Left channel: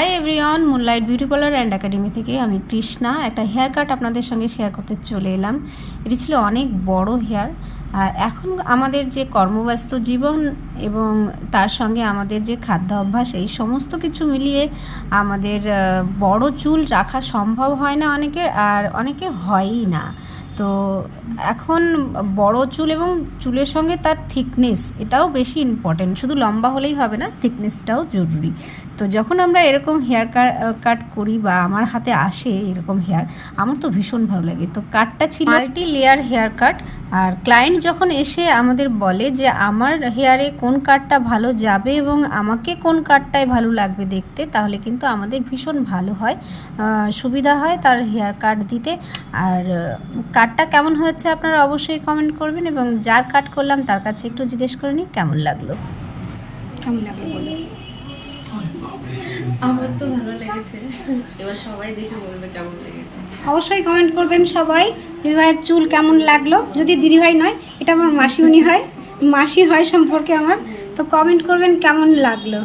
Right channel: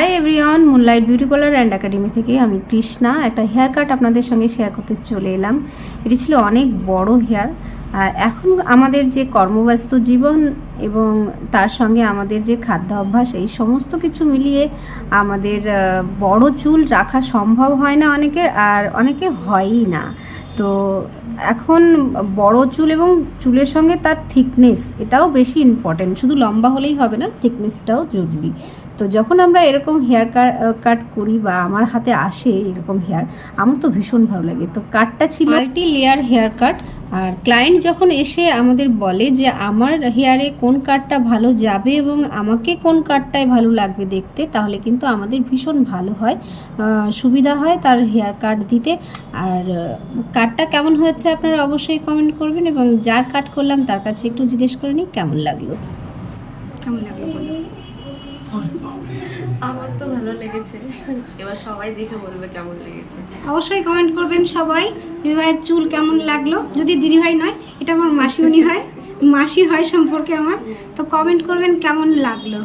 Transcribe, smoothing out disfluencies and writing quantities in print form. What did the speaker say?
Hi everyone, moonlight beauty parlour and academy থেকে আমি তৃষ্ণা একটা হেয়ার কাট আপনাদের সঙ্গে শেয়ার করতে চলে এলাম। এটি ছিল অনেক বড় হেয়ার। আর এখন আমাদের যে কর্মব্যস্ত জীবন এবং তার সঙ্গে আমাদের যে খাদ্য অভ্যাস, এই সমস্ত কিছু মিলিয়ে আমাদের বড় চুল রাখা সম্ভব হয় না অনেকের, আর অনেকের হয়ই না। তো এখন বড় চুল এবং চুলের সঙ্গে তার থিকনেস, এটাও বেশি ইম্পর্টেন্ট। শুধু লম্বা হলেই হবে না, থিকনেসটাও জরুরি। তো যখন আমরা এরকম হেয়ার কাট করি বা আমার হাতে আসে এরকম হেয়ার, আমার তো ভীষণ ভালো লাগে। তো কাটটা ছিল মাল্টি লেয়ার হেয়ার কাট। আর ক্লায়েন্ট যখন এসে আমাদের বলে যে আমার হেয়ারে কোন কাটটা ভালো যাবে এবং আমাকে কোন কাটটাই ভালো লাগবে দেখতে, তাহলে কিন্তু আমাদের ভীষণ ভালো হয়, সুবিধা হয় তার হেয়ার কাট দিতে। আর কাটটা কেমন হয়েছে আপনারা অবশ্যই কমেন্ট করবেন, এবং যার কাট করলাম তার কাছে একটু জিজ্ঞেস করে নিই কেমন লাগলো বলো। আমার তো ভালো লেগেছে, এবার সবাই দেখে বলবে কেমন লেগেছে। অবশ্যই কমেন্ট করবেন সবাই, দিদিভাইয়ের চুল কেমন লাগলো। যদি দিদিভাই নয়, এটা আমার মাসিমণি হয়, মাসি হয় সম্পর্কে আমার। তো কমেন্ট করবেন কেমন লাগলো।